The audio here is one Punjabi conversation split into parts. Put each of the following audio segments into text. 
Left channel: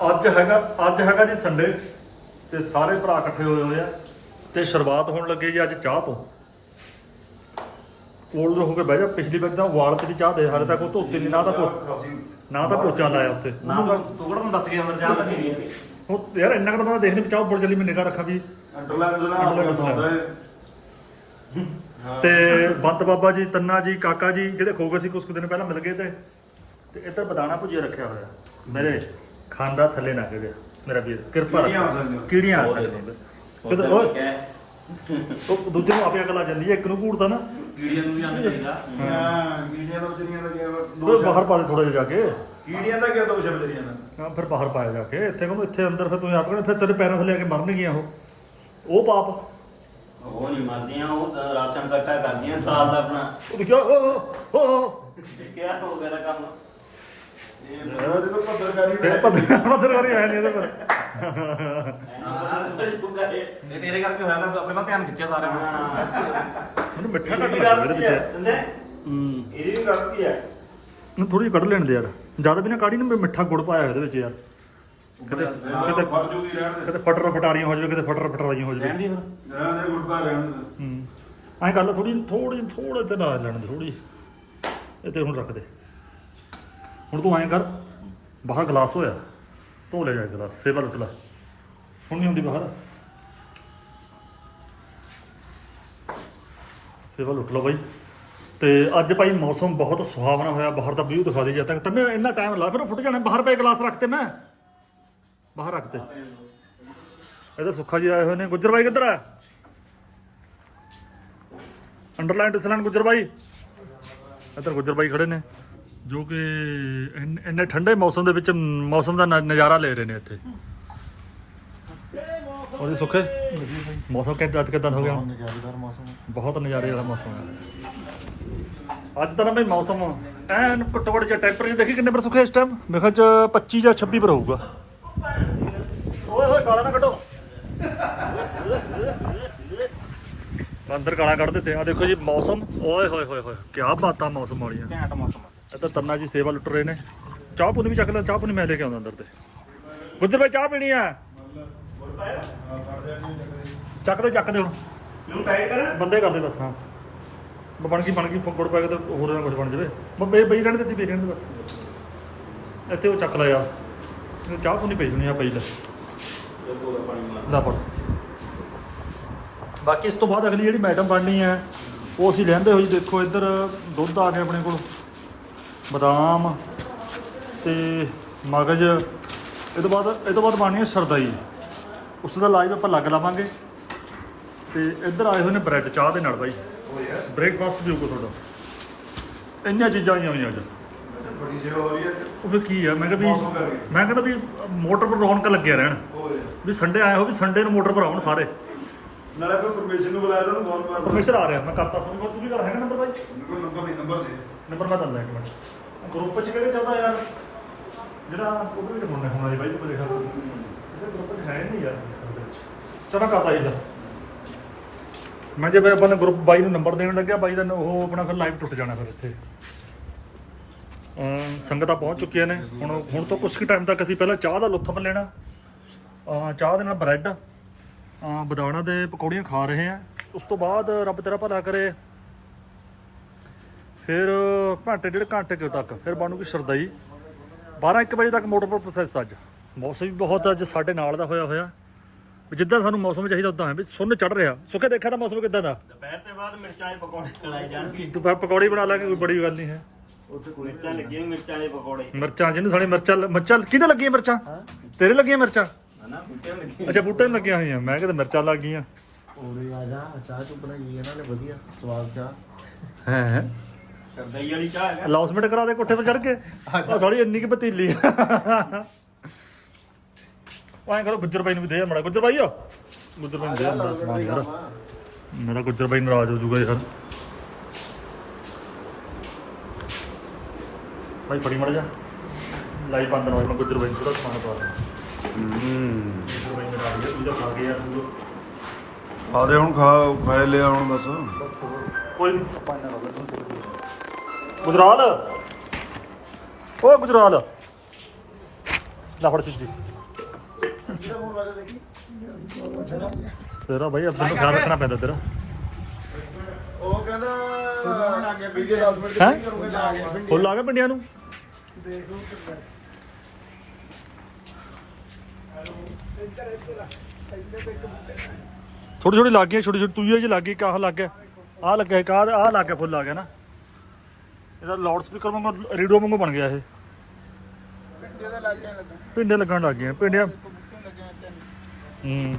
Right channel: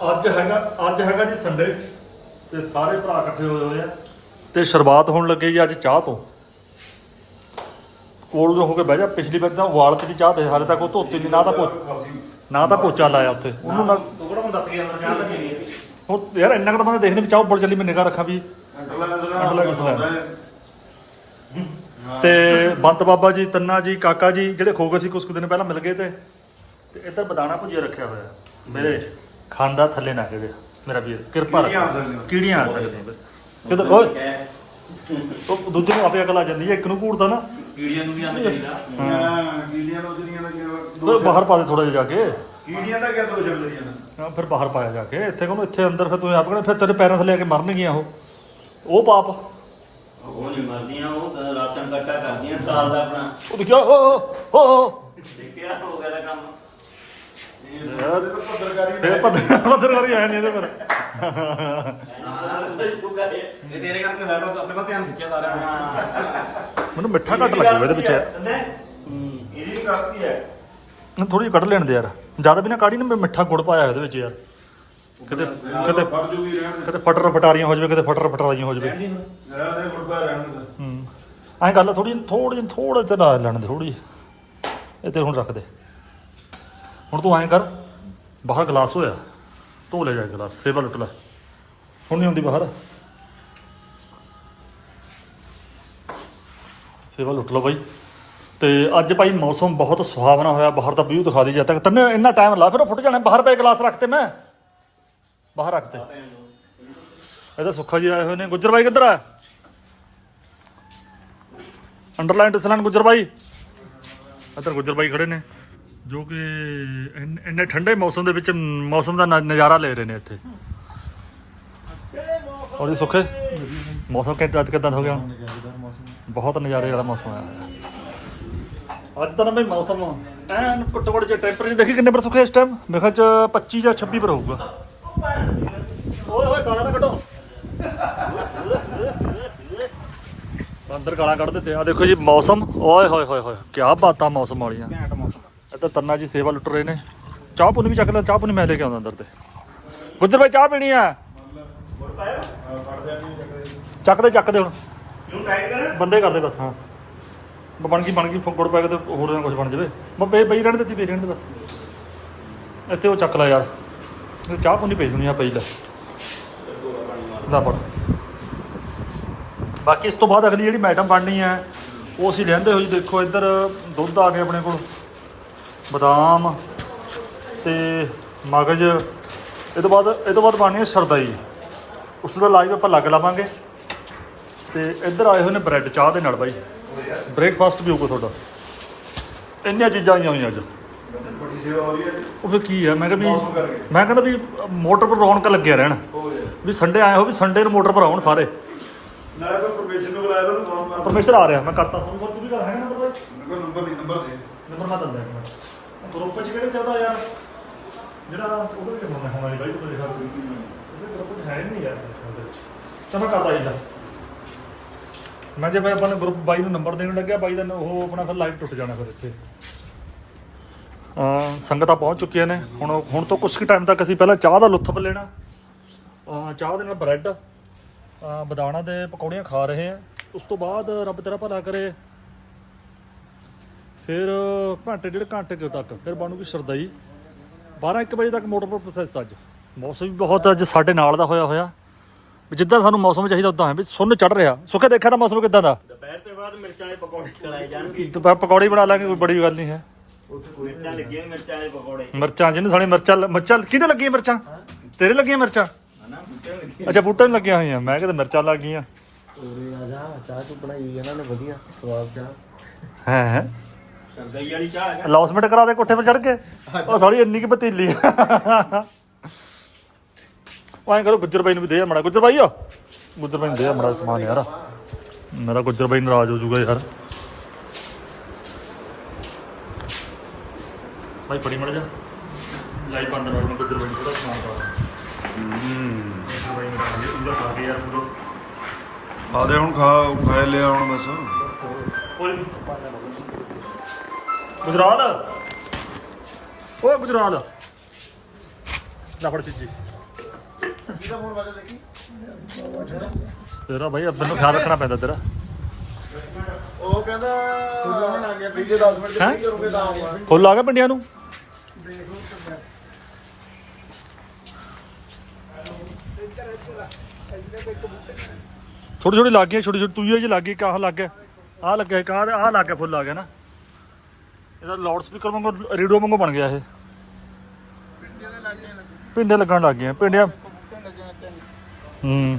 ਅੱਜ ਹੈਗਾ ਅੱਜ ਹੈਗਾ ਜੀ ਸੰਡੇ ਤੇ ਸਾਰੇ ਭਰਾ ਇਕੱਠੇ ਹੋਏ ਹੋਏ ਆ ਤੇ ਸ਼ੁਰੂਆਤ ਹੋਣ ਲੱਗੀ ਜੀ ਅੱਜ ਚਾਹ ਤੋਂ। ਕੋਲ ਹੋ ਕੇ ਬਹਿ ਜਾ ਪਿਛਲੀ ਵਾਰ ਤਾਂ ਉਬਾਲ ਕੇ ਦੀ ਚਾਹ ਦੇ ਹਾਲੇ ਤੱਕ ਉਹ ਧੋਤੀ ਨਹੀਂ ਨਾ ਤਾਂ ਪੋ ਨਾ ਤਾਂ ਪੋਚਾ ਲਾਇਆ ਉੱਥੇ। ਉਹਨੂੰ ਨਾ ਤੂੰ ਨੂੰ ਦੱਸ ਕੇ ਅੰਦਰ ਜਾ ਤਾਂ ਨਹੀਂ ਉਹ ਯਾਰ ਇੰਨਾ ਕੁ ਤਾਂ ਬੰਦਾ ਦੇਖਦੇ ਵੀ ਚਾਹ ਉੱਪਰ ਚੱਲੀ ਮੈਂ ਨਿਗਾਹ ਰੱਖਾਂ ਵੀ। ਤੇ ਬੰਤ ਬਾਬਾ ਜੀ ਤੰਨਾ ਜੀ ਕਾਕਾ ਜੀ ਜਿਹੜੇ ਖੋ ਗਏ ਸੀ ਕੁਝ ਦਿਨ ਪਹਿਲਾਂ ਮਿਲ ਗਏ ਤੇ ਤੇ ਇੱਧਰ ਬਦਾਣਾ ਭੁਜੀਆ ਰੱਖਿਆ ਹੋਇਆ ਮੇਰੇ। ਖਾਂਦਾ ਥੱਲੇ ਨਾ ਕਿਤੇ ਮੇਰਾ ਵੀਰ ਕਿਰਪਾ ਰੱਖ ਕੀੜੀਆਂ ਆ ਸਕਦੀਆਂ। ਕੀੜੀਆਂ ਆ ਸਕਦੀਆਂ ਜਦੋਂ ਓਏ ਉਹ ਦੂਜੇ ਨੂੰ ਆਪੇ ਅਕਲ ਆ ਜਾਂਦੀ ਹੈ ਇੱਕ ਨੂੰ ਘੂਰਦਾ ਨਾ। ਕੀੜੀਆਂ ਨੂੰ ਵੀ ਆਉਂਦਾ ਚਾਹੀਦਾ। ਹਾਂ ਕੀੜੀਆਂ ਦਾ ਵਿਚਾਰੀਆਂ ਦਾ ਕੀ ਓਏ ਬਾਹਰ ਪਾ ਦੇ ਥੋੜਾ ਜਿਹਾ ਜਾ ਕੇ। ਕੀੜੀਆਂ ਦਾ ਕੀ ਦੋਸ਼ ਹੈ ਵਿਚਾਰੀਆਂ ਦਾ? ਹਾਂ ਫਿਰ ਬਾਹਰ ਪਾਇਆ ਜਾ ਕੇ। ਇੱਥੇ ਕੋਲ ਇੱਥੇ ਅੰਦਰ ਫਿਰ ਤੂੰ ਆਪ ਕਹਿੰਦਾ ਫਿਰ ਤੇਰੇ ਪੈਰਾਂ ਥੱਲੇ ਆ ਕੇ ਮਰਨਗੀਆਂ ਉਹ। ਉਹ ਪਾਪ। ਉਹ ਨਹੀਂ ਮਰਦੀਆਂ ਉਹ ਤਾਂ ਰਾਸ਼ਨ ਇਕੱਠਾ ਕਰਦੀਆਂ ਸਾਲ ਦਾ ਆਪਣਾ। ਉਹ ਦੇਖਿਆ ਓ ਓ ਓ ਦੇਖਿਆ ਹੋ ਗਿਆ ਦਾ ਕੰਮ। ਫਿਰ ਪੱਧਰ ਪੱਧਰਕਾਰੀ ਆਇਆ ਨਹੀਂ ਇਹਦੇ ਪਰ। ਇਹ ਤੇਰੇ ਕਰਕੇ ਹੋਇਆ ਤਾਂ ਆਪਣੇ ਵੱਲ ਧਿਆਨ ਖਿੱਚਿਆ ਸਾਰਾ ਮੈਨੂੰ ਮਿੱਠਾ ਘੱਟ ਲੱਗਿਆ ਇਹਦੇ ਵਿੱਚ ਇਹਦੀ ਵੀ ਗਲਤੀ ਹੈ? ਥੋੜੀ ਜਿਹੀ ਕੱਢ ਲੈਣ ਦੇ ਯਾਰ। ਜ਼ਿਆਦਾ ਵੀ ਨਾ ਕਾੜੀ ਨਾ ਮਿੱਠਾ ਗੁੜ ਪਾਇਆ ਇਹਦੇ ਵਿੱਚ ਯਾਰ। ਕਿਤੇ ਕਿਤੇ ਫਟਰ ਫਟਾਰੀਆਂ ਹੋ ਜਾਵੇ ਕਿਤੇ ਫਟਰ ਫਟਾਰੀਆਂ ਹੋ ਜਾਵੇ। ਰਹਿਣ ਦੇ। ਗੁਟਕਾ ਰਹਿਣ ਦੇ ਹੂੰ। ਐਂ ਗੱਲ ਥੋੜੀ ਥੋੜੀ ਥੋੜਾ ਜਿਹਾ ਲੈਣ ਦੇ ਥੋੜੀ ਇਹ ਤੇ ਹੁਣ ਰੱਖ ਦੇ। ਹੁਣ ਤੂੰ ਐਂ ਕਰ, ਬਾਹਰ ਗਲਾਸ ਹੋਇਆ, ਧੋ ਲੈ ਜਾ ਗਲਾਸ ਸੇਵਾ ਲੁੱਟ ਲੈ। ਹੁਣ ਨਹੀਂ ਹੁੰਦੀ ਬਾਹਰ। ਸੇਵਾ ਲੁੱਟ ਲਓ ਬਾਈ। ਤੇ ਅੱਜ ਭਾਈ ਮੌਸਮ ਬਹੁਤ ਸੁਹਾਵਣਾ ਹੋਇਆ, ਬਾਹਰ ਦਾ ਵਿਊ ਦਿਖਾ ਦੇ ਜਦ ਤੱਕ ਤੰਨੇ ਇੰਨਾ ਟਾਈਮ ਲਾ ਫਿਰ ਉਹ ਫੁੱਟ ਜਾਣੇ, ਬਾਹਰ ਪਏ ਗਲਾਸ ਰੱਖਤੇ ਮੈਂ। ਬਾਹਰ ਰੱਖਤੇ ਇਹਦਾ ਸੁੱਖਾ ਜੀ ਆਏ ਹੋਏ ਨੇ। ਗੁੱਜਰ ਬਾਈ ਕਿੱਧਰ ਆ? ਅੰਡਰਲਾਈਨ ਡਿਸਲਾਈਨ ਗੁੱਜਰ ਬਾਈ। ਇੱਧਰ ਗੁੱਜਰ ਬਾਈ ਖੜੇ ਨੇ। ਜੋ ਕਿ ਇੰਨ- ਇੰਨੇ ਠੰਡੇ ਮੌਸਮ ਦੇ ਵਿੱਚ ਮੌਸਮ ਦਾ ਨ- ਨਜ਼ਾਰਾ ਲੈ ਰਹੇ ਨੇ ਇੱਥੇ। ਔਰ ਇਹ ਸੁੱਖੇ ਮੌਸਮ ਕਿੱਦਾਂ ਅੱਜ ਕਿੱਦਾਂ ਹੋ ਗਿਆ? ਨਜ਼ਾਰੇਦਾਰ ਮੌਸਮ ਬਹੁਤ ਨਜ਼ਾਰੇ ਵਾਲਾ ਮੌਸਮ ਆ ਅੱਜ ਤਾਂ ਨਾ ਬਈ ਮੌਸਮ ਐਨ ਘੱਟੋ ਘੱਟ ਜੇ ਟੈਂਪਰੇਚਰ ਦੇਖੀ ਕਿੰਨੇ ਪਰ ਸੁੱਖੇ ਇਸ ਟਾਈਮ ਮੇਰੇ ਖਿਆਲ ਚ 25 ਜਾਂ 26 ਪਰ ਹੋਊਗਾ। ਓਏ ਓਏ ਗਾਲਾਂ ਨਾ ਕੱਢੋ। ਅੰਦਰ ਗਾਲਾਂ ਕੱਢ ਦਿੱਤੇ ਆ। ਦੇਖੋ ਜੀ ਮੌਸਮ। ਓਏ ਹੋਏ ਹੋਏ ਹੋਏ ਕੀ ਬਾਤਾਂ ਮੌਸਮ ਵਾਲੀਆਂ। ਇੱਧਰ ਤੰਨਾ ਜੀ ਸੇਵਾ ਲੁੱਟ ਰਹੇ ਨੇ। ਚਾਹ ਪੁਣੀ ਵੀ ਚੱਕ ਲੈ ਚਾਹ ਪੁਣੀ ਮੈਂ ਲੈ ਕੇ ਆਉਂਦਾ ਅੰਦਰ ਤੇ। ਗੁੱਜਰ ਭਾਈ ਚਾਹ ਪੀਣੀ ਆ? ਚੱਕ ਦੇ ਚੱਕ ਦੇ ਹੁਣ। ਨੂੰ ਟਾਈਟ ਕਰ। ਬੰਦੇ ਕਰਦੇ ਬਸ ਹਾਂ। ਬਣ ਗਈ ਬਣ ਗਈ ਗੁੜ ਪੈ ਕੇ ਤੇ ਹੋਰ ਨਾ ਕੁਝ ਬਣ ਜਾਵੇ। ਬਈ ਬਈ ਰਹਿਣ ਦਿੱਤੀ ਪਈ ਰਹਿਣ ਦੇ ਬਸ। ਇੱਥੇ ਉਹ ਚੱਕ ਲੈ ਯਾਰ। ਚਾਹ ਪੁਣੀ ਪਈ ਦੁਨੀਆ ਪਈ ਲੈ। ਲੈ ਪੜ ਬਾਕੀ ਇਸ ਤੋਂ ਬਾਅਦ ਅਗਲੀ ਜਿਹੜੀ ਮੈਡਮ ਬਣਨੀ ਹੈ ਉਹ ਅਸੀਂ ਲੈਂਦੇ ਹੋਈ ਦੇਖੋ ਇੱਧਰ ਦੁੱਧ ਆ ਗਿਆ ਆਪਣੇ ਕੋਲ। ਬਦਾਮ ਤੇ ਮਗਜ। ਇਹ ਤੋਂ ਬਾਅਦ ਇਹ ਤੋਂ ਬਾਅਦ ਬਣਨੀ ਹੈ ਸਰਦਾਈ। ਉਸ ਦਾ ਲਾਈਵ ਆਪਾਂ ਲੱਗ ਲਾਵਾਂਗੇ। ਤੇ ਇੱਧਰ ਆਏ ਹੋਏ ਨੇ ਬ੍ਰੈਡ ਚਾਹ ਦੇ ਨਾਲ ਬਾਈ। ਬ੍ਰੇਕਫਾਸਟ ਵੀ ਹੋਊਗਾ ਤੁਹਾਡਾ। ਇੰਨੀਆਂ ਚੀਜ਼ਾਂ ਆਈਆਂ ਹੋਈਆਂ ਅੱਜ। ਉਹ ਫਿਰ ਕੀ ਆ ਮੈਂ ਕਿਹਾ ਮੌਸਮ ਕਰਕੇ। ਵੀ ਮੈਂ ਕਹਿੰਦਾ ਵੀ ਮੋਟਰ ਪਰ ਰੌਣਕ ਲੱਗਿਆ ਰਹਿਣ। ਵੀ ਸੰਡੇ ਆਏ ਹੋ ਵੀ ਸੰਡੇ ਨੂੰ ਮੋਟਰ ਪਰ ਆਉਣ ਸਾਰੇ। ਨਾਲੇ ਕੋਈ ਪਰਮਿਸ਼ਨ ਨੂੰ ਬੁਲਾਇਆ ਤੁਹਾਨੂੰ ਫੋਨ ਪਰਮੇਸ਼ਰ ਆ ਰਿਹਾ। ਮੈਂ ਕਰਤਾ ਫੋਨ ਕਰ ਤੂੰ ਵੀ ਕਰ। ਹੈਗਾ ਨੰਬਰ ਬਾਈ? ਨੰਬਰ ਨਹੀਂ ਨੰਬਰ ਦੇ ਨੰਬਰ ਮੈਂ ਦਿੰਦਾ ਇੱਕ ਮਿੰਟ ਗਰੁੱਪ 'ਚ ਕਿਹੜੇ ਚੱਲਦਾ ਯਾਰ? ਜਿਹੜਾ ਉਹਦੇ ਵਿੱਚ ਹੋਣਾ ਹੋਣਾ ਜੀ, ਬਾਈ ਤੂੰ ਮੇਰੇ ਉਹਦੇ ਗਰੁੱਪ 'ਚ ਹੈ ਨਹੀਂ ਯਾਰ ਉਹਦੇ ਵਿੱਚ। ਚਲੋ ਮੈਂ ਕਰਦਾ ਇਹਦਾ। ਮੈਂ ਜੇ ਆਪਾਂ ਨੇ ਗਰੁੱਪ ਬਾਈ ਨੂੰ ਨੰਬਰ ਦੇਣ ਲੱਗਿਆ, ਬਾਈ ਦਾ ਨ- ਉਹ ਆਪਣਾ ਫਿਰ ਲਾਈਵ ਟੁੱਟ ਜਾਣਾ ਫਿਰ ਇੱਥੇ। ਅਹ ਸੰਗਤਾਂ ਪਹੁੰਚ ਚੁੱਕੀਆਂ ਨੇ। ਹੁਣ ਹੁਣ ਤੋਂ ਕੁਝ ਕੁ ਟਾਈਮ ਤੱਕ ਅਸੀਂ ਪਹਿਲਾਂ ਚਾਹ ਦਾ ਲੁਤਫ ਲੈਣਾ। ਅਹ ਚਾਹ ਦੇ ਨਾਲ ਬ੍ਰੈਡ ਅਹ ਬਦਾਣਾ ਦੇ ਪਕੌੜੀਆਂ ਖਾ ਰਹੇ ਆ ਉਸ ਤੋਂ ਬਾਅਦ ਰੱਬ ਤੇਰਾ ਭਲਾ ਕਰੇ। ਫਿਰ ਘੰਟੇ ਡੇਢ ਘੰਟੇ ਕੁ ਤੱਕ ਫਿਰ ਬਣੂਗੀ ਸਰਦਾਈ। 12 1 ਵਜੇ ਤੱਕ ਮੋਟਰ ਪਰ ਪ੍ਰੋਸੈਸ ਅੱਜ। ਮੌਸਮ ਵੀ ਬਹੁਤ ਅੱਜ ਸਾਡੇ ਨਾਲ ਦਾ ਹੋਇਆ ਹੋਇਆ। ਜਿੱਦਾਂ ਸਾਨੂੰ ਮੌਸਮ ਚਾਹੀਦਾ ਉਦਾਂ ਹੈ ਵੀ ਸੁੰਨ ਚੜ ਰਿਹਾ। ਸੁੱਖੇ ਦੇਖਿਆ ਤਾਂ ਮੌਸਮ ਕਿੱਦਾਂ ਦਾ? ਦੁਪਹਿਰ ਤੇ ਬਾਅਦ ਮਿਰਚਾਂ ਵਾਲੇ ਪਕੌੜੇ ਖਲਾਏ ਜਾਣਗੇ। ਤੇ ਪ- ਪਕੌੜੇ ਬਣਾ ਲਾਂਗੇ ਕੋਈ ਬੜੀ ਗੱਲ ਨਹੀਂ ਹੈ। ਉੱਥੇ ਕੋਈ ਮਿਰਚਾਂ ਲੱਗੀਆਂ ਮਿਰਚਾਂ ਵਾਲੇ ਪਕੌੜੇ। ਮਿਰਚਾਂ ਜਿਹਨੇ ਸਾਡੀ ਮਿਰਚਾਂ ਮਿਰਚਾਂ ਕਿਹਦੇ ਲੱਗੀਆਂ ਮਿਰਚਾਂ? ਤੇਰੇ ਲੱਗੀਆਂ ਮਿਰਚਾਂ? ਹਨਾ ਬੁੱਟੇ ਲੱਗੇ ਅੱਛਾ ਬੂਟੇ ਨੂੰ ਲੱਗੀਆਂ ਹੋਈਆਂ। ਮੈਂ ਕਿਤੇ ਮਿਰਚਾਂ ਲੱਗ ਗਈਆਂ। ਉਰੇ ਆ ਜਾ ਚਾਹ ਤੂੰ ਬਣਾਈ ਇਹਨਾਂ ਨੇ ਵਧੀਆ ਸਵਾਦ ਚਾਹ। ਹੈ। ਹੈ ਸਰਦਾਈ ਵਾਲੀ ਚਾਹ ਹੈ। ਅਨਾਉਂਸਮੈਂਟ ਕਰਾ ਦੇ ਕੋਠੇ 'ਤੇ ਚੜ ਕੇ। ਉਹ ਸਾਲੀ ਇੰਨੀ ਕਿ ਪਤੀਲੀ। ਐਂ ਕਰੋ ਗੁੱਜਰ ਬਾਈ ਨੂੰ ਵੀ ਦੇ ਮੜਾ ਗੁੱਜਰ ਬਾਈ ਆ। ਗੁੱਜਰ ਬਾਈ ਨੂੰ ਦੇ ਮੜਾ ਸਮਾਨ ਯਾਰ। ਮੇਰਾ ਗੁੱਜਰ ਬਾਈ ਨਾਰਾਜ਼ ਹੋ ਜਾਊਗਾ ਯਾਰ। ਬਾਈ ਫੜੀ ਮੜ ਜਾ। ਲਾਈਵ ਬੰਦ ਨਾ ਹੋਣ ਗੁੱਜਰ ਬਾਈ ਨੂੰ ਥੋੜਾ ਸਮਾਨ ਪਾ ਦੇ। ਗੁੱਜਰ ਬਾਈ ਮੇਰਾ ਆ ਗਿਆ ਤੂੰ ਜਾ ਖਾ ਕੇ ਯਾਰ ਤੂੰ। ਆ ਦੇ ਹੁਣ ਖਾ ਖਾਏ ਲਿਆ ਹੁਣ ਬਸ। ਬਸ ਕੋਈ ਨਹੀਂ ਗੁਜਰਾਲ। ਓਏ ਗੁਜਰਾਲ। ਲੈ ਫੜ ਚੀਜੀ ਤੇਰਾ ਬਾਈ ਆਪਣੇ ਨੂੰ ਖਿਆਲ ਰੱਖਣਾ ਪੈਂਦਾ ਤੇਰਾ। ਉਹ ਕਹਿੰਦਾ ਵੀਡੀਓ 10 ਮਿੰਟ ਹੈਂ? ਕਰੋਗੇ ਤਾਂ ਆ ਗਿਆ ਫੁੱਲ ਆ ਗਿਆ ਪਿੰਡੀਆਂ ਨੂੰ। ਛੋਟੀ ਛੋਟੀ ਲੱਗ ਗਈਆਂ ਛੋਟੀ ਛੋਟੀ ਤੂਈਆਂ ਜਿਹੀ ਲੱਗ ਗਈ ਕਾਹ ਲੱਗ ਗਿਆ। ਆਹ ਲੱਗਿਆ ਕਾਹ ਆਹ ਲੱਗ ਗਿਆ, ਫੁੱਲ ਆ ਗਿਆ ਨਾ। ਇਹਦਾ ਲਾਊਡ ਸਪੀਕਰ ਵਾਂਗੂ ਰੇਡੀਓ ਵਾਂਗੂ ਬਣ ਗਿਆ ਇਹ। ਪਿੰਡੇ ਲੱਗਣ ਲੱਗ ਗਏ ਪਿੰਡੀਆਂ ਹੂੰ।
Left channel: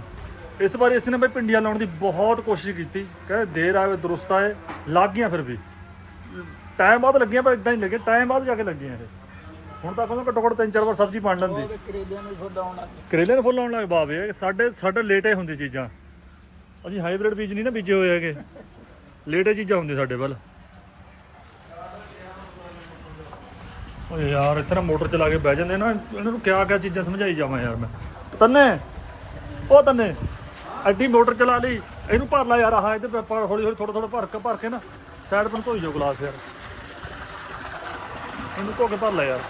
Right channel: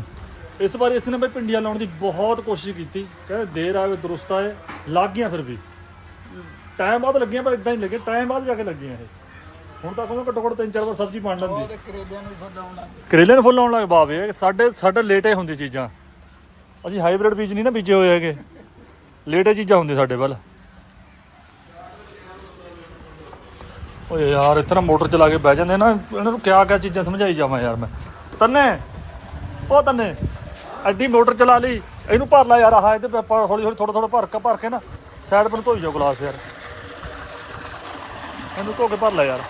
ਇਸ ਵਾਰ ਇਸ ਨੇ ਬਈ ਪਿੰਡੀਆਂ ਲਾਉਣ ਦੀ ਬਹੁਤ ਕੋਸ਼ਿਸ਼ ਕੀਤੀ ਕਹਿੰਦੇ ਦੇਰ ਆਵੇ ਦਰੁਸਤ ਆਏ ਲੱਗ ਗਈਆਂ ਫਿਰ ਵੀ। ਟਾਈਮ ਬਾਅਦ ਲੱਗੀਆਂ ਪਰ ਇਦਾਂ ਹੀ ਲੱਗੇ ਟਾਈਮ ਬਾਅਦ ਜਾ ਕੇ ਲੱਗੀਆਂ ਇਹ। ਹੁਣ ਤੱਕ ਉਹਨੂੰ ਘੱਟੋ ਘੱਟ ਤਿੰਨ ਚਾਰ ਵਾਰ ਸਬਜ਼ੀ ਬਣ ਲੈਂਦੀ। ਕਰੇਲੇ ਨੂੰ ਫੁੱਲ ਆਉਣ ਲੱਗ। ਬਾਵੇ ਸਾਡੇ ਸਾਡੇ ਲੇਟੇ ਹੁੰਦੀ ਚੀਜ਼ਾਂ। ਅਸੀਂ ਹਾਈਬ੍ਰਿਡ ਬੀਜ ਨਹੀਂ ਨਾ ਬੀਜੇ ਹੋਏ ਹੈਗੇ। ਲੇਟੇ ਚੀਜ਼ਾਂ ਹੁੰਦੀਆਂ ਸਾਡੇ ਵੱਲ। ਓਏ ਯਾਰ ਨਾ ਮੋਟਰ ਚਲਾ ਕੇ ਬਹਿ ਜਾਂਦੇ ਨਾ, ਇਹਨਾਂ ਨੂੰ ਕਿਆ ਕਿਆ ਚੀਜ਼ਾਂ ਸਮਝਾਈ ਜਾਵਾਂ ਯਾਰ ਮੈਂ। ਤੰਨੇ ਉਹ ਤੰਨੇ, ਐਡੀ ਮੋਟਰ ਚਲਾ ਲਈ, ਇਹਨੂੰ ਭਰ ਲੈ ਯਾਰ, ਆਹ ਇਹਦੇ ਪੇਪਰ ਹੌਲੀ ਹੌਲੀ ਥੋੜਾ ਥੋੜਾ ਭਰ ਕੇ ਭਰ ਕੇ ਨਾ ਸਾਈਡ ਪਰ ਧੋਈ ਜਾਓ ਗਲਾਸ ਯਾਰ। ਇਹਨੂੰ ਧੋ ਕੇ ਭਰ ਲੈ ਯਾਰ।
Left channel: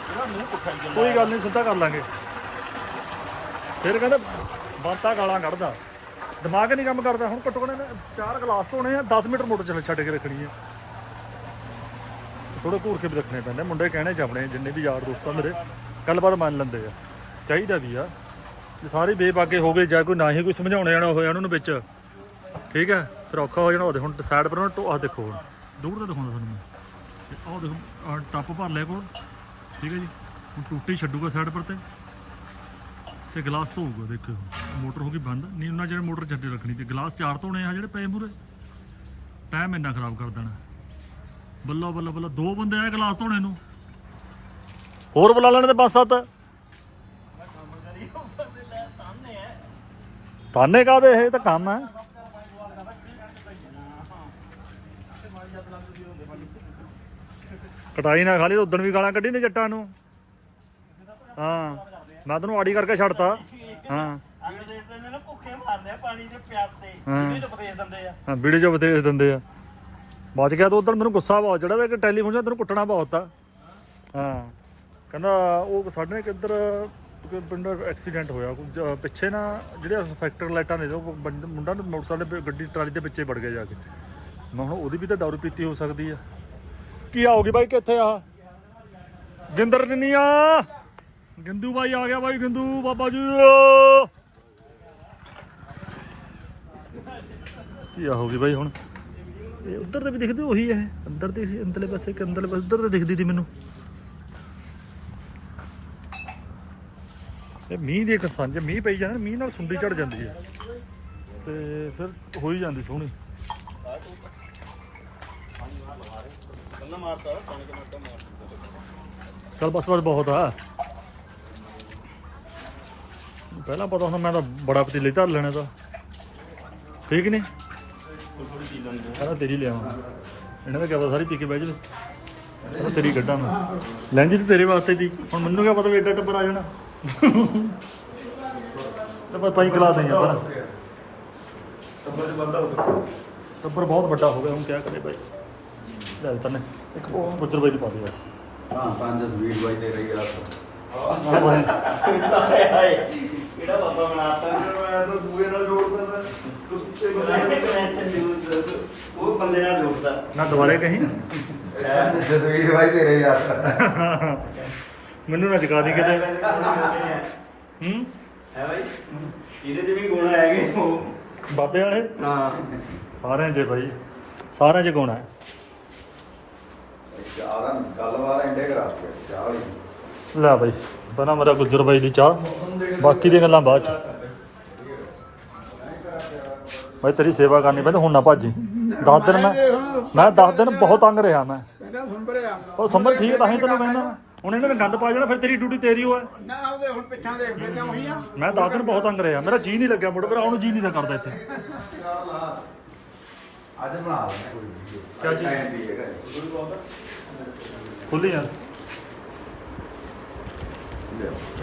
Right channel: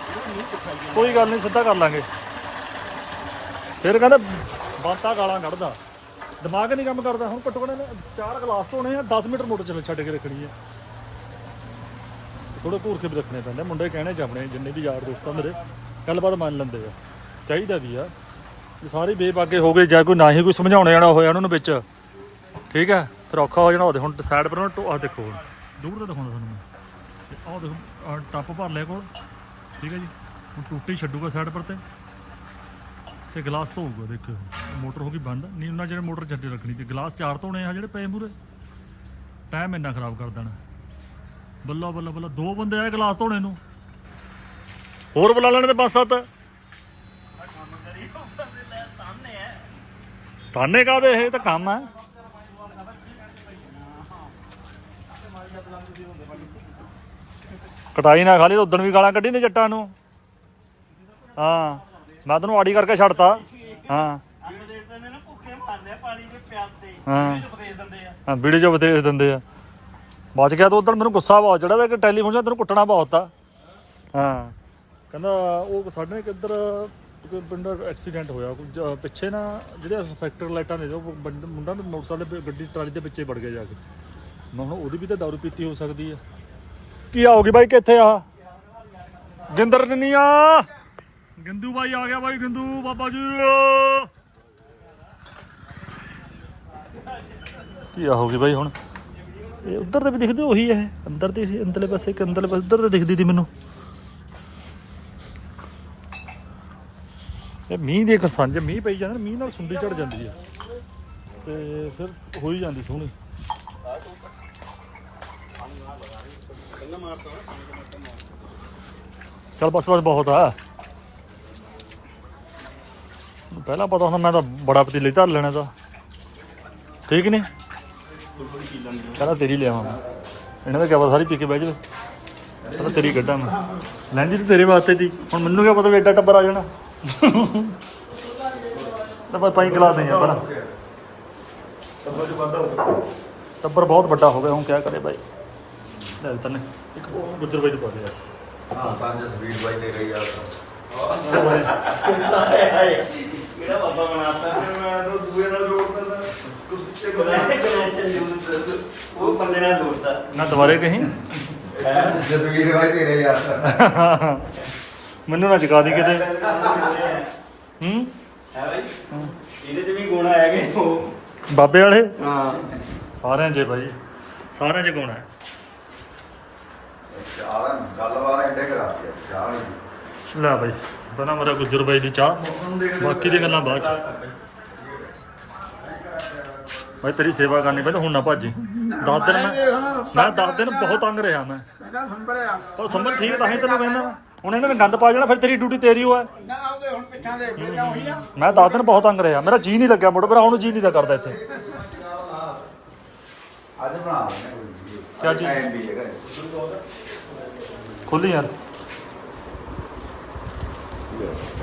ਕੋਈ ਗੱਲ ਨਹੀਂ, ਸਿੱਧਾ ਕਰ ਲਾਂਗੇ। ਫਿਰ ਕਹਿੰਦੇ, ਬਾਤਾਂ ਗਾਲਾਂ ਕੱਢਦਾ। ਦਿਮਾਗ ਨਹੀਂ ਕੰਮ ਕਰਦਾ, ਹੁਣ ਘੱਟੋ ਘੱਟ ਚਾਰ ਗਲਾਸ ਧੋਣੇ ਆ 10 ਮੀਟਰ ਮੋਟਰ ਚੱਲ ਛੱਡ ਕੇ ਰੱਖਣੀ ਆ। ਥੋੜੇ ਘੂਰ ਕੇ ਵੀ ਰੱਖਣੇ ਪੈਂਦੇ ਮੁੰਡੇ ਕਹਿਣੇ ਚ ਆਪਣੇ ਜਿੰਨੇ ਵੀ ਯਾਰ ਦੋਸਤ ਆ ਮੇਰੇ, ਗੱਲਬਾਤ ਮੰਨ ਲੈਂਦੇ ਆ। ਚਾਹੀਦਾ ਵੀ ਆ। ਜੇ ਸਾਰੇ ਬੇਬਾਗੇ ਹੋ ਗਏ, ਜਾਂ ਕੋਈ ਨਾ ਹੀ ਕੋਈ ਸਮਝਾਉਣ ਜਾਣਾ ਹੋਇਆ ਉਹਨਾਂ ਨੂੰ ਵਿੱਚ, ਠੀਕ ਹੈ ਫਿਰ ਔਖਾ ਹੋ ਜਾਣਾ। ਉਹਦੇ ਹੁਣ ਸਾਈਡ ਪਰ ਉਹਨਾਂ ਆਹ ਦੇਖੋ ਹੁਣ। ਦੂਰ ਤੋਂ ਦਿਖਾਉਂਦਾ ਤੁਹਾਨੂੰ ਮੈਂ। ਤੇ ਆਹ ਦੇਖੋ ਟੱਪ ਭਰ ਲਿਆ ਕੋਲ। ਠੀਕ ਹੈ ਜੀ? ਹੁਣ ਟੂਟੀ ਛੱਡੂਗਾ ਸਾਈਡ ਪਰ ਤੇ। ਤੇ ਗਲਾਸ ਧੋਊਗਾ, ਦੇਖਿਓ। ਮੋਟਰ ਹੋ ਗਈ ਬੰਦ। ਨਹੀਂ, ਉਹਨਾਂ ਜਿਹੜੇ ਮੋਟਰ ਛੱਡੇ ਰੱਖਣੀ ਤੇ ਗਲਾਸ ਚਾਰ ਧੋਣੇ ਆ ਜਿਹੜੇ ਪਏ ਮੂਰੇ ਟਾਈਮ ਇੰਨਾ ਖਰਾਬ ਕਰ ਦੇਣਾ। ਬੱਲਾ ਬੱਲਾ ਬੱਲਾ ਦੋ ਬੰਦੇ ਆਏ ਗਲਾਸ ਧੋਣੇ ਨੂੰ। ਹੋਰ ਬੁਲਾ ਲੈਣੇ ਤੇ ਬਸ ਸੱਤ। ਤਾਨੇ ਕਾਦੇ ਇਹ? ਤਾਂ ਕੰਮ ਹੈ। ਕਟਾਈ ਨਾ ਖਾਲੀ ਉਦੋਂ ਵੀ ਗਾਲਾਂ ਕੱਢੀ ਨੇ ਜੱਟਾਂ ਨੂੰ। ਹਾਂ ਮੈਂ ਤੈਨੂੰ ਆੜੀ ਕਰਕੇ ਛੱਡਤਾ। ਹਾਂ। ਜਿਹੜੇ ਦੇਖਦੇ ਨੇ ਨਾ ਭੁੱਖੇ ਮਾਰਦੇ ਆ ਪਾਣੀ ਦੇ ਪਿਆਸੇ। ਹਾਂ। ਇਹਦੇ ਚ ਉਪਦੇਸ਼ ਦਿੰਦੇ ਆ। ਹਾਂ ਵੀਡੀਓ 'ਚ ਬਤੇਜ ਦਿੰਦੇ ਆ। ਬਚ ਗਿਆ ਤਾਂ ਉਦੋਂ ਮੈਨੂੰ ਗੁੱਸਾ ਬਹੁਤ ਚੜਿਆ ਕਿ ਟੈਲੀਫੋਨ 'ਚ ਤੈਨੂੰ ਕੁੱਟਣਾ ਬਹੁਤ ਆ। ਹਾਂ। ਕਹਿੰਦਾ ਉਹ ਸਾਡੇ ਨਾਲ ਕਿੱਧਰ ਪਿੰਡ ਐਕਸੀਡੈਂਟ ਹੋਇਆ। ਕੁਝ ਪਿੱਛੇ ਨਾ ਜਿਹੜੇ ਫੈਕਟਰ ਲਾਈਟਾਂ ਨੇ ਉਹ ਮੁੰਡਾ ਮੋਟਰਸਾਈਕਲ ਦੇ ਗੱਡੀ ਟਰਾਲੀ ਦੇ ਪਿੱਛੇ ਵੜ ਗਿਆ ਜਾ ਕੇ। ਮੈਂ ਹੁਣ ਉਹਦੀ ਵੀ ਤਾਂ ਦਾਰੂ ਪੀਤੀ ਹੋ ਸਕਦੀ ਆ। ਕੀ ਆਉਗੀ ਬਾਈ ਕਿੱਥੇ ਆ? ਗਿੰਦਰ ਨਹੀਂ ਆ ਗਿੰਦੂ ਬਾਈ ਆ ਗਿਆ ਬਾਈ, ਗਿੰਦੂ ਬਾਬਾ ਜੀ। ਕੀ ਆਉਗੀ ਬਾਈ ਹੁਣ? ਇਹ ਉਧਰ ਤੇ ਵੀ ਦਿਖਦੇ ਉਹੀ ਹੈ ਅੰਦਰ ਤੇ ਸੀ, ਅੰਦਰਲੇ ਪਾਸੇ ਕਿ ਅੰਦਰਲੇ ਪਾਸੇ, ਉਧਰ ਤੇ ਦਿਖਦੀ ਤੀ ਮੈਨੂੰ। ਇਹ ਮੀਂਹ ਦੇ ਕਸਾਂ ਜੇ ਮੀਂਹ ਪਈ ਜਾਂਦਾ ਮੀਂਹ ਨਾਲ ਸੁੰਡੀ ਚੜ ਜਾਂਦੀ ਹੈ। ਤੇ ਫਿਰ ਹੋ ਹੀ ਜਾਂਦੀ ਸੋਹਣੀ। ਚਲ ਬਸ ਬਸ ਬਹੁਤ ਆ। ਪਹਿਲਾਂ ਪਤਾ ਹੁੰਦਾ ਮੈਂ ਤਾਂ ਬੜਾ ਪਤੀਲੇ ਧਰ ਲੈਣਾ ਤਾਂ। ਠੀਕ ਨਹੀਂ ਕਹਿੰਦਾ ਤੇਰੀ ਲਿਆਵਾਂ ਇਹਨਾਂ ਦਾ ਪਤਾ ਸਾਰੀ ਪੀ ਕੇ ਬਹਿ ਜਾਵੇ। ਕਹਿੰਦਾ ਤੇਰੀ ਕੱਢਾਂ ਮੈਂ। ਲੈਂਦੀ ਤੇ ਤੇਰੇ ਵਾਸਤੇ ਦੀ ਹੁਣ ਮੈਨੂੰ ਕਿਆ ਪਤਾ ਵੀ ਐਡਾ ਟੱਬਰ ਆ ਜਾਣਾ। ਤਾਂ ਬਸ ਪਾਈ ਗਲਾ ਦੇ ਯਾਰ ਟੱਬਰ ਬਹੁਤ ਵੱਡਾ ਹੋ ਗਿਆ ਹੁਣ ਕਿਆ ਕਰੇ ਬਾਈ ਲੈ ਤਨੇ ਇੱਕ ਉਹ ਗੁੱਜਰ ਬਾਈ ਪਾ ਦੇ ਯਾਰ। ਹਾਂ ਸਾਂਝ ਸਵੀਟ ਬਾਈ ਤੇ ਗਈ ਆ। ਕਿਹੜਾ ਬਾਬਾ ਬਣਾਤਾ ਦੂਏ ਨਾਲ ਜੋੜਦਾ ਉਹ ਬੰਦੇ ਨਾਲ ਜੋੜਦਾ ਨਾ ਦੁਬਾਰੇ ਕਹੀਂ? ਜਸਵੀਰ ਬਾਈ ਤੇਰੇ ਯਾਰ। ਮੈਨੂੰ ਨਾ ਜਗਾ ਦੀ ਕਿਤੇ। ਹੂੰ ਹੈ? ਬਾਈ? ਇਹਦੇ ਤੇ ਵੀ ਗੁਣ ਹੈਗੇ। ਉਹ ਬਾਬੇ ਵਾਲੇ? ਹਾਂ। ਸਾਰਿਆਂ 'ਚ ਬਾਈ। ਸਾਰਿਆਂ 'ਚ ਗੁਣ ਹੈ। ਚਾਰਾਂ ਗੱਲਬਾਤ ਐਂਡੇ ਕਰਾਤੀ ਆ ਚਾਹ ਵਾਲੀ ਲੈ ਬਾਈ ਪਹਿਲਾਂ ਮੇਰਾ ਗੁੱਜਰ ਬਾਈ ਦੀ ਚਾਹ। ਬਾਕੀ ਦੀਆਂ ਗੱਲਾਂ ਬਾਅਦ ਚ। ਬਾਈ ਤੇਰੀ ਸੇਵਾ ਕਰਨੀ ਪੈਂਦੀ ਹੁਣ ਨਾ ਭਾਜੀ। 10 ਦਿਨ ਮੈਂ ਮੈਂ 10 ਦਿਨ ਬਹੁਤ ਤੰਗ ਰਿਹਾ ਮੈਂ। ਪਹਿਲਾਂ ਸੰਭਰਿਆ ਉਹ ਸੰਭਲ ਠੀਕ ਤਾਂ ਹੀ ਤੈਨੂੰ ਕਹਿੰਦਾ ਮੈਂ। ਹੁਣ ਇਹਨਾਂ ਨੇ ਗੰਦ ਪਾ ਜਾਣਾ ਫਿਰ ਤੇਰੀ ਡਿਊਟੀ ਤੇਰੀ ਓ ਹੈ। ਨਾ ਆਉਂਦੇ ਹੁਣ ਪਿੱਛਾਂ ਦੇ ਫਿਰ ਉਹੀ ਆ। ਮੈਂ 10 ਦਿਨ ਬਹੁਤ ਤੰਗ ਰਿਹਾ। ਮੇਰਾ ਜੀ ਨਹੀਂ ਲੱਗਿਆ ਮੁੜ ਮੇਰਾ ਹੁਣ ਜੀ ਨਹੀਂ ਦਾ ਕਰਦਾ ਇੱਥੇ। ਅੱਜ ਬਣਾ ਕਿਆ। ਖੁੱਲੀ ਯਾਰ।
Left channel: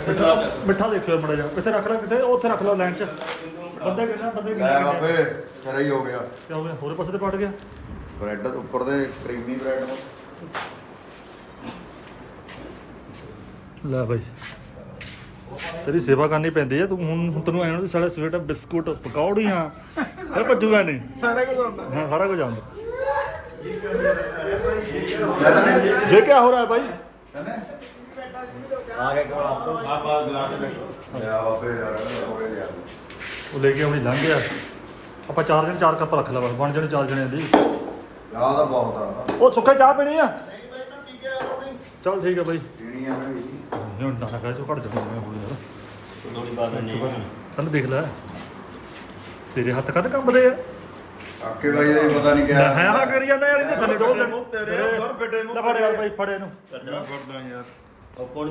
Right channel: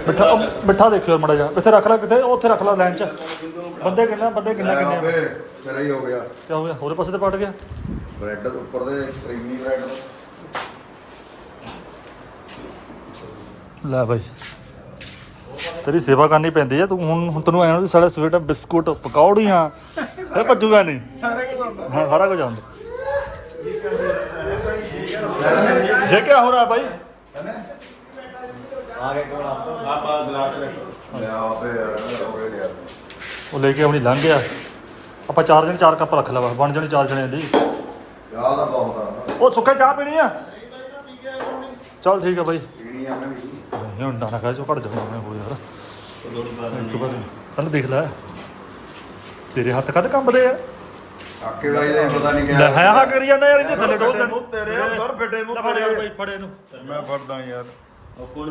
ਮਿੱਠਾ ਮਿੱਠਾ ਦੇਖਿਓ ਮੜਾ ਜਾ ਕਿੱਥੇ ਰੱਖ ਲੈ ਕਿੱਥੇ ਉਹ ਉੱਥੇ ਰੱਖ ਲੈ ਲਾਈਨ 'ਚ। ਬੰਦੇ ਕਿੰਨਾ ਬੰਦੇ ਕਿੰਨਾ ਲੈ ਕਿੰਨੇ ਬਾਬੇ ਸਿਰਾ ਹੀ ਹੋ ਗਿਆ। ਕੀ ਹੋ ਗਿਆ ਹੋਰੇ ਪਾਸੇ ਤੇ ਪਟ ਗਿਆ? ਬ੍ਰੈਡ ਦੇ ਉੱਪਰ ਦੇ ਕਰੀਮੀ ਬ੍ਰੈਡ ਲੈ ਬਾਈ। ਤੇਰੀ ਸੇਵਾ ਕਰਨੀ ਪੈਂਦੀ ਆ ਤੂੰ ਹੁਣ ਹੁਣ ਤੈਨੂੰ ਐਂ ਵੀ ਸਾਡਾ ਸਵੇਟਾ ਬਿਸਕੁਟ ਪਕੌੜੀਆਂ ਇਹ ਭੱਜੂਗਾ ਨਹੀਂ। ਸਾਰਾ ਕੁਝ ਹੁੰਦਾ ਹਾਂ ਸਾਰਾ ਕੁਝ ਆਉਂਦਾ। ਜੇ ਕਿਆ ਹੋ ਰਿਹਾ ਭਾਈ ਆ ਗਿਆ ਕੋਲ ਆਪਾਂ ਗਲਾ ਤੇ ਬੈਠੋ। ਲਿਆ ਉਹਦੇ ਯਾਰ ਹੋਰੇ ਲਿਆ ਉਹ ਲੈ ਕੇ ਆਪਣੀ ਲੰਘ ਗਿਆ। ਆਪਾਂ ਚਾਰ ਜਣੇ ਚਾਰ ਕੱਪ ਰੱਖ ਲਾ ਬਸ ਬਣ ਜਾਣੇ ਚਾਰ ਜਣੇ ਦੀ। ਯਾਰ ਦਾ ਬਹੁਤ ਆ। ਉਹ ਸੁੱਕੇ ਚਾਹ ਪੀਣੀ ਆ? ਚੱਲ ਠੀਕ ਆ ਬਾਈ। ਪੀਣੀ ਆ ਮੈਂ ਹੁਣ ਦਾਣਾ ਖਾ ਚੋ ਘੜ ਜਾਣਾ ਮੈਂ ਹੋਰ ਯਾਰ। ਥੋੜੀ ਬਾਤ ਵਾਰ। ਕੱਲ ਦੇਖ ਲੈ। ਤੇਰੇ ਹੱਥ ਕਦ ਕੰਬਦੇ ਆ? ਆਕੇ ਬਾਈ ਦੇ ਪਤਾ ਨਹੀਂ ਕਿਹਾ। ਹਾਂ ਹਾਂ ਕਰੀ ਜਾਂਦਾ ਯਾਰ ਇਹਦੇ ਥੱਲੇ ਡੋਲ ਦੇਣ ਤੇਰੇ ਹੱਥ ਫਿੱਟੇ ਲੈ ਫੜ ਯਾਰ ਬਾਈ ਫੜ ਇਹਨੂੰ। ਮੈਂ ਫੜਦਾ ਯਾਰ।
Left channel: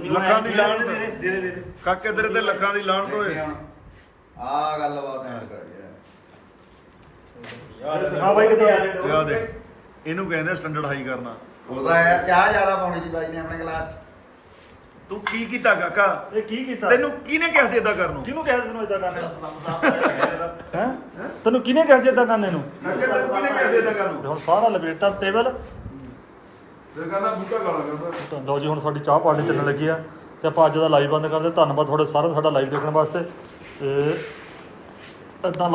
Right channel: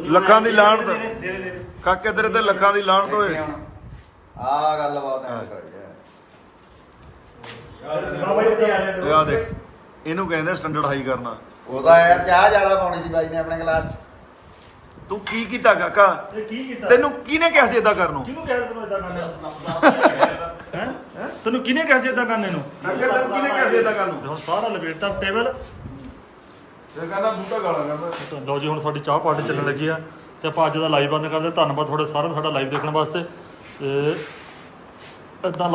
ਲੱਖਾਂ ਦੀ ਲਾਹਣ ਦਾ। ਦੇ। ਦੇ ਦੇ ਕਾਕੇ ਤੇਰੇ ਤੇ ਲੱਖਾਂ ਦੀ ਲਾਹਣ ਓਏ ਆ ਗੱਲਬਾਤ ਐਂ ਕਰਾਈ ਹੈ। ਹਾਂ ਬਾਈ ਕਿੱਥੇ ਆ ਤੇ ਆ ਦੇ ਇਹਨੂੰ ਕਹਿੰਦੇ ਸਟੈਂਡਰਡ ਹਾਈ ਕਰਨਾ। ਉਹਦਾ ਯਾਰ ਚਾਹ ਜ਼ਿਆਦਾ ਪਾਉਣੀ ਸੀ ਬਾਈ ਨੇ ਆਪਣੇ ਗਲਾਸ ਚ। ਤੂੰ ਕੀ ਕੀਤਾ ਕਾਕਾ? ਇਹ ਕੀ ਕੀਤਾ? ਤੈਨੂੰ ਕਿਹਨੇ ਕਿਹਾ ਸੀ ਇਦਾਂ ਕਰਨ ਨੂੰ? ਕਿਹਨੂੰ ਕਿਹਾ ਸੀ ਮੈਂ ਇਦਾਂ ਕਰਨੇ ਨੂੰ? ਹੈ? ਤੈਨੂੰ ਕਿਹਨੇ ਕਿਹਾ ਸੀ ਇਦਾਂ ਕਰਨੇ ਨੂੰ? ਕਾਕੇ ਤੈਨੂੰ ਕਿਹਨੇ ਕਿਹਾ ਸੀ ਇਦਾਂ ਕਰਨ ਨੂੰ? ਤੇ ਹੁਣ ਸਾਰਾ ਲਪੇਟਤਾ ਟੇਬਲ ਤੇ ਕਹਿੰਦਾ ਬੂਟਾ ਗਾਲਾਂ ਕਰਦਾ। ਤਾਂ ਲਓ ਜੀ ਹੁਣ ਸਾਡੀ ਚਾਹ ਪਾਰਟੀ ਚੱਲਣ ਲੱਗੀ ਆ। ਤੇ ਆਪਾਂ ਅੱਜ ਦਾ ਲਾਈਵ ਬੰਦ ਕਰਦੇ ਧੰਨਵਾਦ ਤੁਹਾਡੇ ਸਾਰਿਆਂ ਦਾ ਸਾਡਾ ਲਾਈਵ ਦੇਖਣ ਵਾਸਤੇ। ਤੇ ਇਦਾਂ